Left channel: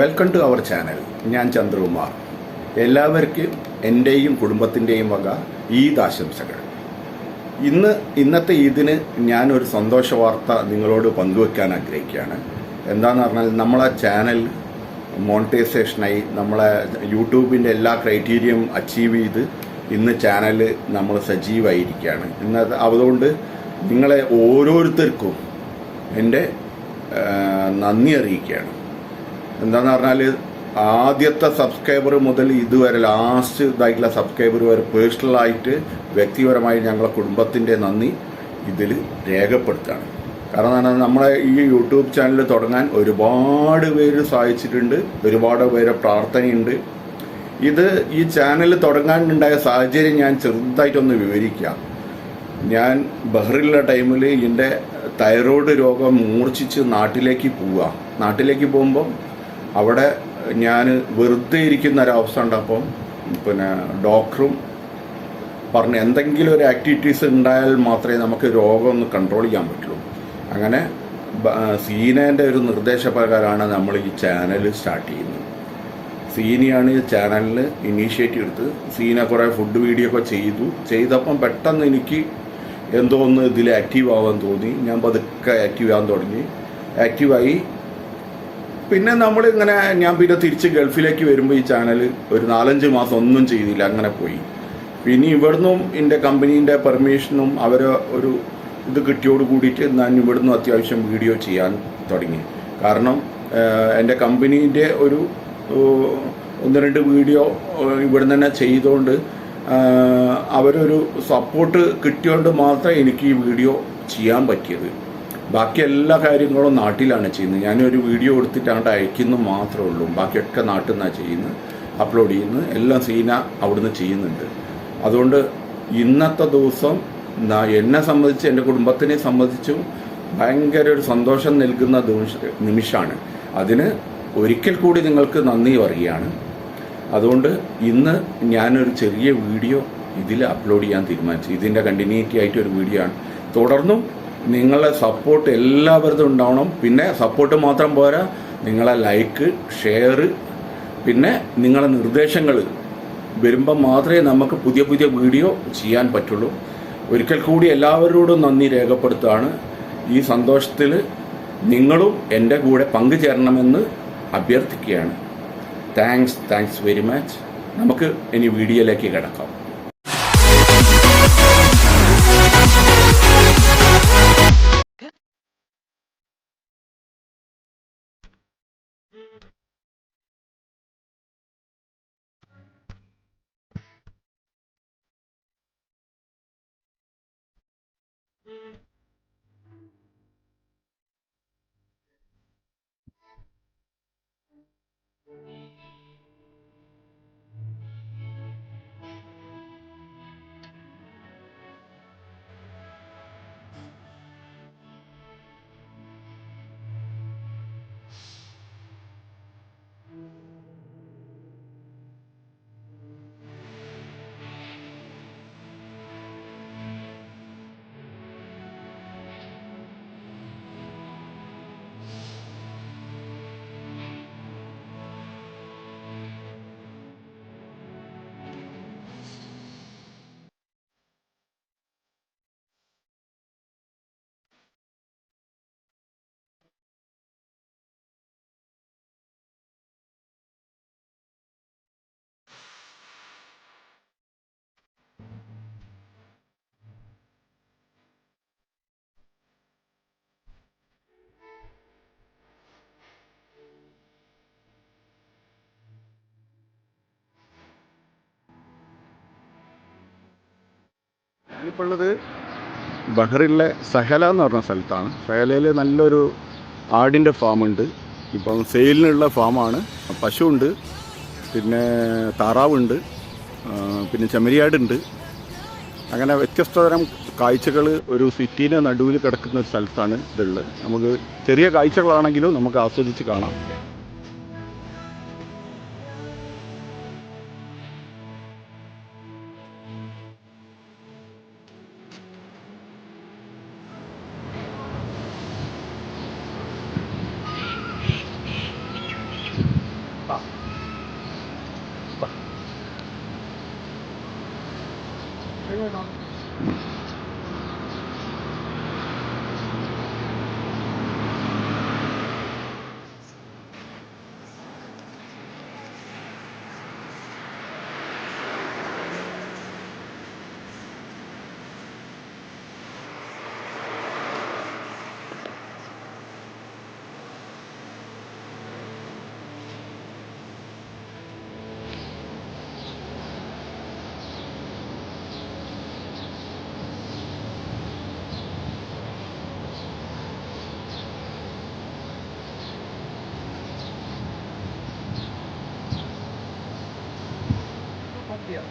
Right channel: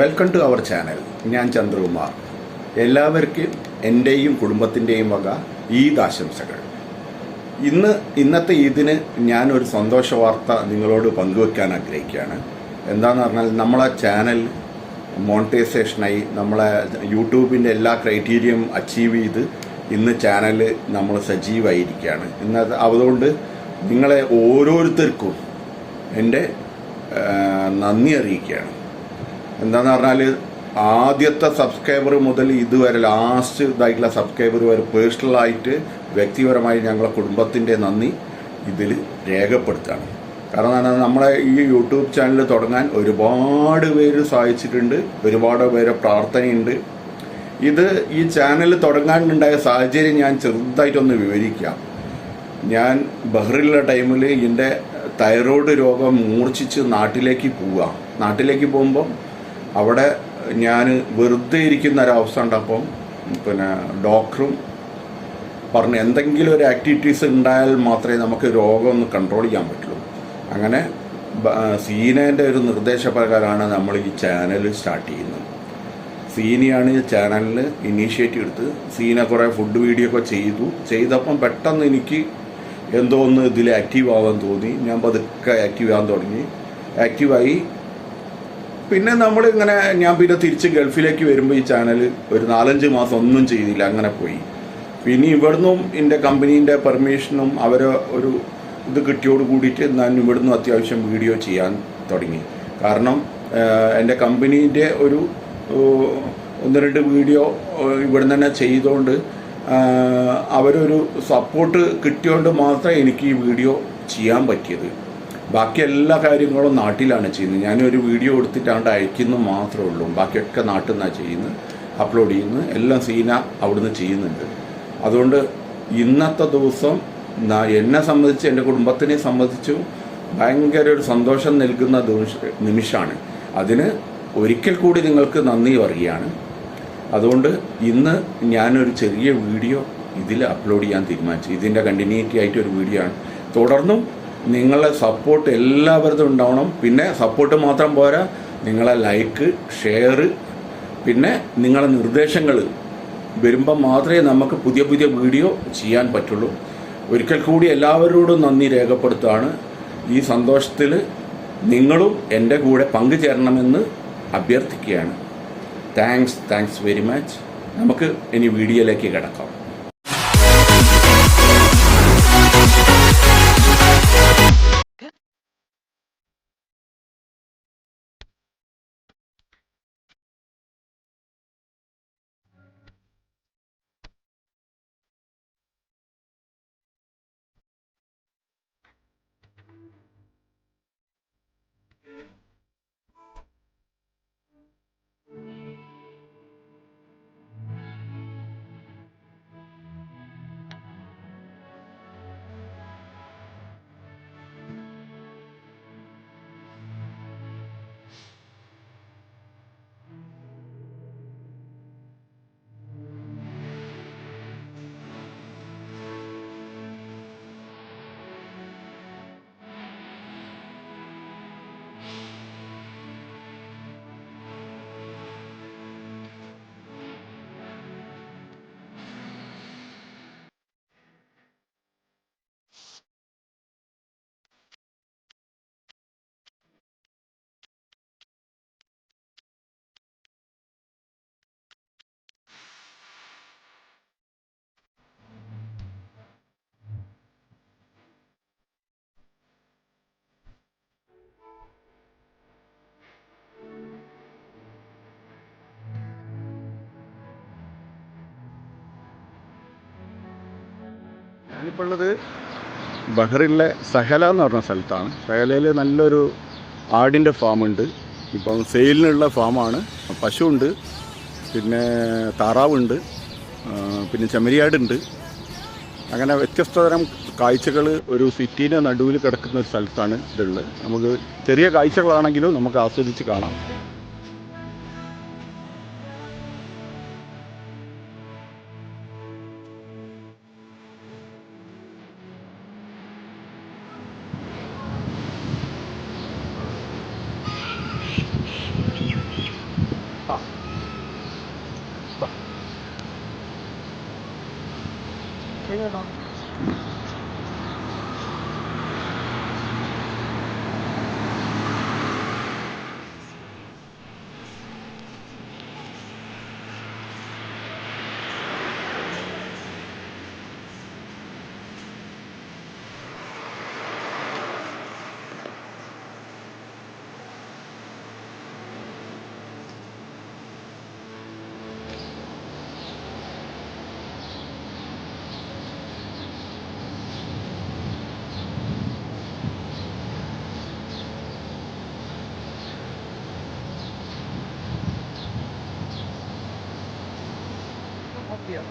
Welcome to our channel. ഞാൻ ചന്ദ്രകുമാർ. എല്ലാവർക്കും എൻ്റെയും കുടുംബത്തിൻ്റെയും വക ഈദ് ആശംസകൾ. ഇന്നത്തെ ഈദിന് ഞാനൊരു സന്തോഷ വാർത്ത നിങ്ങളോട് പങ്കുവെക്കാൻ ആഗ്രഹിക്കുകയാണ്. എന്താണെന്ന് പറഞ്ഞാൽ നമ്മളെ ചാനൽ മോണിറ്റൈസേഷനായി നമ്മളെ യൂട്യൂബിൻ്റെ എല്ലാ ക്രൈറ്റീരിയയും അച്ചീവ് ചെയ്ത് ഇന്ന് ചാനൽ നമ്മൾ സജീവമായിരിക്കുകയാണ്. അതുകൊണ്ട് നിങ്ങളെ ഓരോരുത്തർക്കും എൻ്റെ നന്ദി അറിയിക്കുകയാണ്. എന്താണെന്ന് പറഞ്ഞാൽ ആദ്യത്തെ സബ്സ്ക്രൈബർ മുതൽ ഇതുവരെ ലാസ്റ്റ് ഇതായിട്ടുള്ള സബ്സ്ക്രൈബർ വരെ പേഴ്സണലായിട്ട് വ്യക്തിപരമായി ഞങ്ങളെ കുടുംബത്തിൻ്റെ നന്ദി ഇതിൽ രേഖപ്പെടുത്തുകയാണ്. കാരണം നമ്മളെ ഈ യൂട്യൂബ് ചാനൽ തുടങ്ങാൻ ഒരുപാട് പേര് സഹായിച്ചിട്ടുണ്ട്, ഒരുപാട് പേരെ പ്രാർത്ഥനയുണ്ട്. ഈ ചാനൽ തുടങ്ങാനുണ്ടായ സാഹചര്യം ഞാൻ ചെറുതായിട്ടൊന്ന് വിവരിക്കാം. ഞാൻ ബഹ്റിലുള്ള ടൈമിൽ എൻ്റെ തൈറോയ്ഡ് രോഗം മൂർച്ഛിച്ച് നാട്ടിലേക്ക് പോകുമ്പം അവിടെ ഞാൻ വെറുതെ ഇരിക്കുന്ന ഒരവസ്ഥ ഉണ്ടപ്പം ഡോക്ടറും പറഞ്ഞ് എന്തെങ്കിലും ഒരു ആക്ടിവിറ്റീസ് ഉണ്ടായാൽ മാത്രമേ നമുക്ക് രോഗം ഒന്ന് കൺട്രോൾ ചെയ്യാൻ പറ്റുള്ളൂ. അങ്ങനെ സീനേൻ്റെ ഒരു നിർദ്ദേശപ്രകാരമാണ് നമ്മൾ ഈ ചാനൽ സ്റ്റാർട്ട് ചെയ്യുന്നത്. സീനയാണ് ഈ ചാനലിൽ ഇനീഷ്യേറ്റീവ് എടുത്ത് സീന കുറേ ഫുഡ് വീഡിയോ ഒക്കെ ചെയ്തപ്പം പെട്ടെന്ന് എനിക്ക് എന്തോ ഒന്ന് ഇതിൽ ആക്റ്റീവ് ആവാൻ തോന്നി. ഞാൻ പതുക്കെ ആക്റ്റീവ് ആവാൻ തുടങ്ങി. ആക്റ്റീവായി പിന്നെ ഞാൻ പിന്നെ തിരിച്ച് ഗൾഫിലേക്ക് വരുമ്പോൾ ഈ ചാനൽ ഒരു 4-5 മാസം ഒന്നും ചെയ്തില്ല, അങ്ങനെ പോയി. പിന്നെ ഇവിടുന്നും എൻ്റെ കമ്പനീൻ്റെ പെർമിഷനും അവരെ ഒരു ഇത് കിട്ടിയോട് കൂടിയിട്ട് ഞാൻ ഇവിടുന്ന് അത്യാവശ്യം വീഡിയോ ചെയ്യാൻ തുടങ്ങി. കാരണം എൻ്റെ കമ്പനീൻ്റെ ഒരു 1-2 വീഡിയോ ഇവിടുന്ന് തന്നെ ചെയ്തുകൊണ്ട് അവരൊരു സപ്പോർട്ട് കിട്ടിയോണ്ട് മാത്രമേ എനിക്ക് ഈ വീഡിയോ ചെയ്യാൻ പറ്റിയത്. ബാക്കി എല്ലാ കാര്യങ്ങളും നാട്ടിലാണ് ചെയ്യുന്നത്. ഞാനൊരു വീഡിയോ എടുത്തിട്ടാണ്ട് അയക്കുന്നു മാത്രമേ ഉള്ളൂ. ബാക്കിയൊക്കെ നാട്ടിൽ നിന്നാണ് ചെയ്യുന്നത്, അപ്ലോഡ് ചെയ്യുന്നത്. എല്ലാം സീന അവിടുന്ന് ചെയ്യുന്നുണ്ട്. അതുകൊണ്ട് ഇന്നത്തെ ദിവസം എന്നെ സംബന്ധിച്ച് എൻ്റെ കുടുംബത്തിനെ സംബന്ധിച്ചും ഭയങ്കര ഒരു സന്തോഷം നൽകുന്ന നിമിഷമാണ്. അതിന് ഒരിക്കൽ കൂടി നിങ്ങൾക്ക് നന്ദി പറയുകയാണ്. അതുകൊണ്ട് ഇന്ന് ഞാനൊരു ചെറിയ വീഡിയോ ഇതിൽ അപ്ലോഡ് ചെയ്യാൻ തീരുമാനിച്ചു. ഇതിൻ്റെ കണ്ടിന്യൂറ്റി ആയിട്ട് ഒരു വീഡിയോ ആണ്. തുടർന്നും നിങ്ങളുടെ സപ്പോർട്ട് എല്ലാവരും ഉണ്ടാവണം. പിന്നെ സപ്പോർട്ട് മാത്രം പോരാ, നിങ്ങളെ ലൈക്ക്, ഷെയർ, പിന്നെ നിങ്ങളെ നിർദ്ദേശങ്ങൾ വരുമ്പം മാത്രമേ നമുക്ക് പുതിയ പുതിയ വീഡിയോ ചെയ്യാൻ പറ്റുള്ളൂ. ഒരിക്കൽ കൂടി എല്ലാവരോടും നന്ദി രേഖപ്പെടുത്തുകയാണ്. ഈ സന്തോഷത്തിൽ നിങ്ങളും എൻ്റെ കൂടെ പങ്കുചേരണമെന്ന് അഭ്യർത്ഥിക്കുകയാണ്. Thanks very much. നമുക്ക് ഇനി വീഡിയോയിലേക്ക് കിടക്കാം. ഞാനിപ്പോൾ ഉള്ളത് ബഹ്റിനിലെ സഹല എന്ന് പറഞ്ഞ സ്ഥലത്താണ്. സഹലയിൽ നല്ലൊരു ആടിൻ്റെ ഫാമുണ്ട്. ഇപ്പം സെയിലിനുള്ള ഫാമാണ്. പശുവുണ്ട്, പിന്നെ താറാവുണ്ട്, പിന്നെ ചെമ്മരിയാടുണ്ട്. അങ്ങനെ വ്യത്യസ്തതരം കാഴ്ചകൾ ഒരു സിറ്റീൻ്റെ നടുവിൽ കിടക്കുന്ന ഒരു സ്ഥലത്താണ് ഇതുള്ളത്. നമുക്ക് ചെറിയ കാഴ്ചകളാണെങ്കിലും നമുക്ക് ആസ്വദിച്ച് കാണാം. ചെയ്യണം. Copia.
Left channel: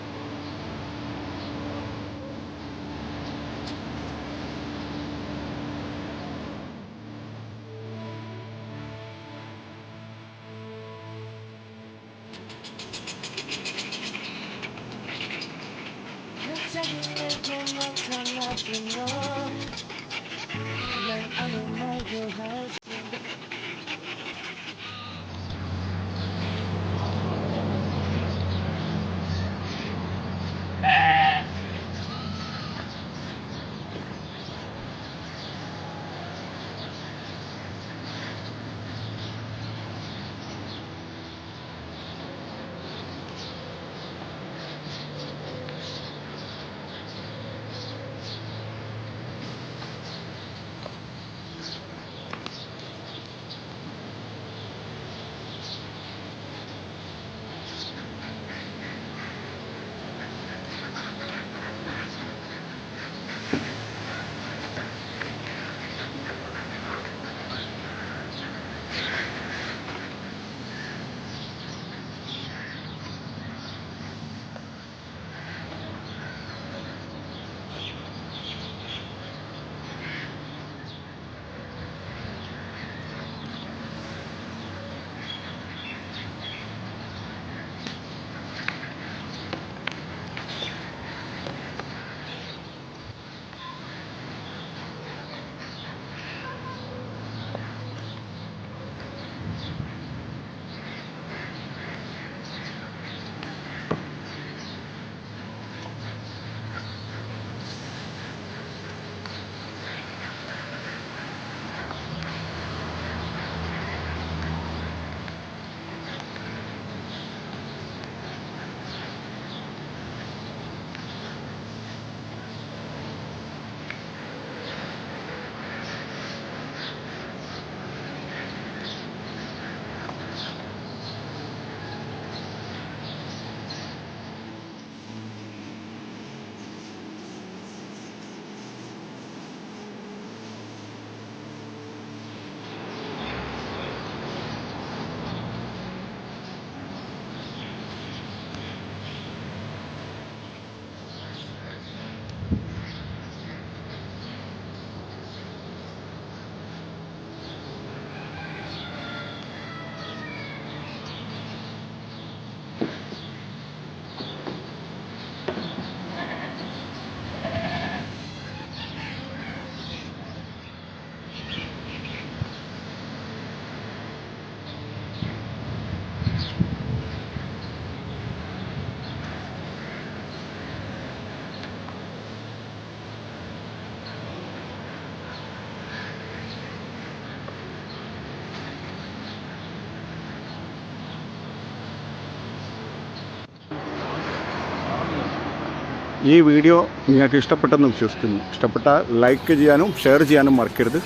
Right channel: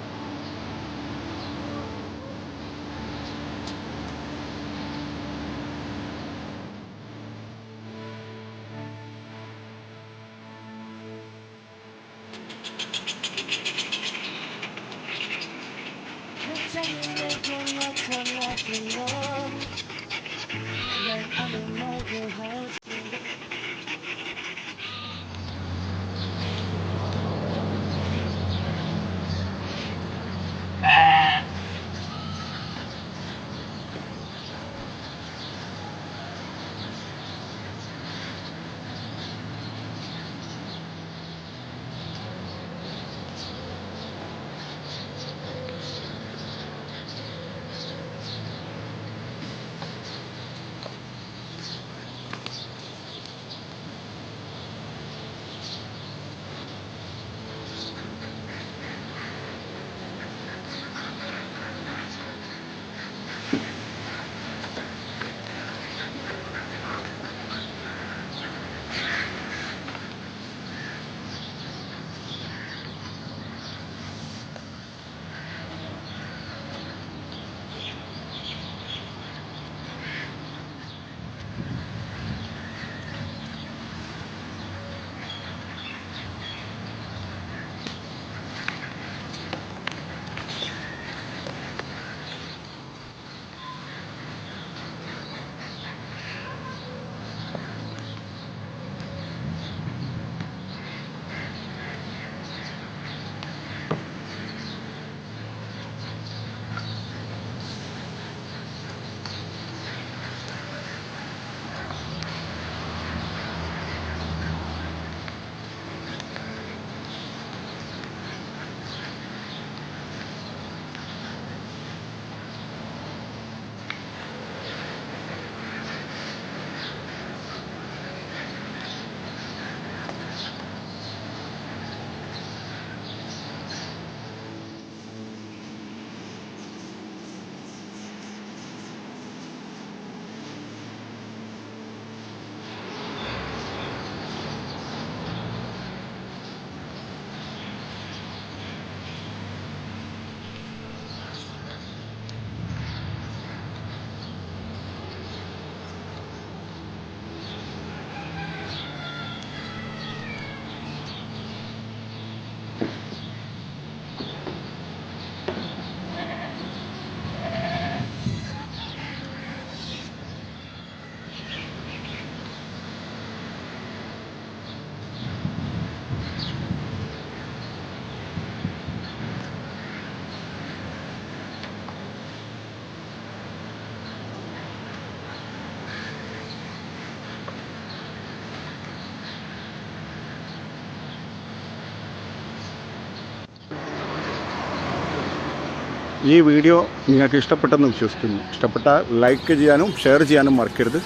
ഈ വീഡിയോ നിങ്ങൾക്ക് ഇഷ്ടപ്പെട്ടെന്ന് വിശ്വസിക്കുന്നു. ഇഷ്ടപ്പെട്ടാൽ ലൈക്ക് ചെയ്യാനും ഷെയർ ചെയ്യാനും മറക്കരുത്.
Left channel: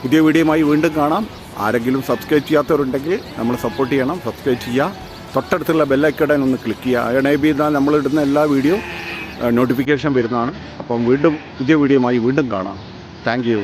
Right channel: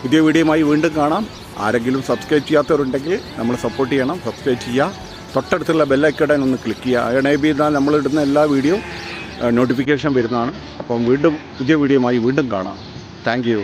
പുതിയ വീഡിയോയുമായി വീണ്ടും കാണാം. ആരെങ്കിലും സബ്സ്ക്രൈബ് ചെയ്യാത്തവരുണ്ടെങ്കിൽ നമ്മൾ സപ്പോർട്ട് ചെയ്യണം. സബ്സ്ക്രൈബ് ചെയ്യുക. തൊട്ടടുത്തുള്ള ബെല്ലൈക്കൺ ഒന്ന് ക്ലിക്ക് ചെയ്യുക. എനേബിൾ ചെയ്താൽ നമ്മളിടുന്ന എല്ലാ വീഡിയോ നോട്ടിഫിക്കേഷൻ വരുന്നതാണ്. അപ്പം വീണ്ടും പുതിയ വീഡിയോയുമായി വീണ്ടും കാണാം. Thank you.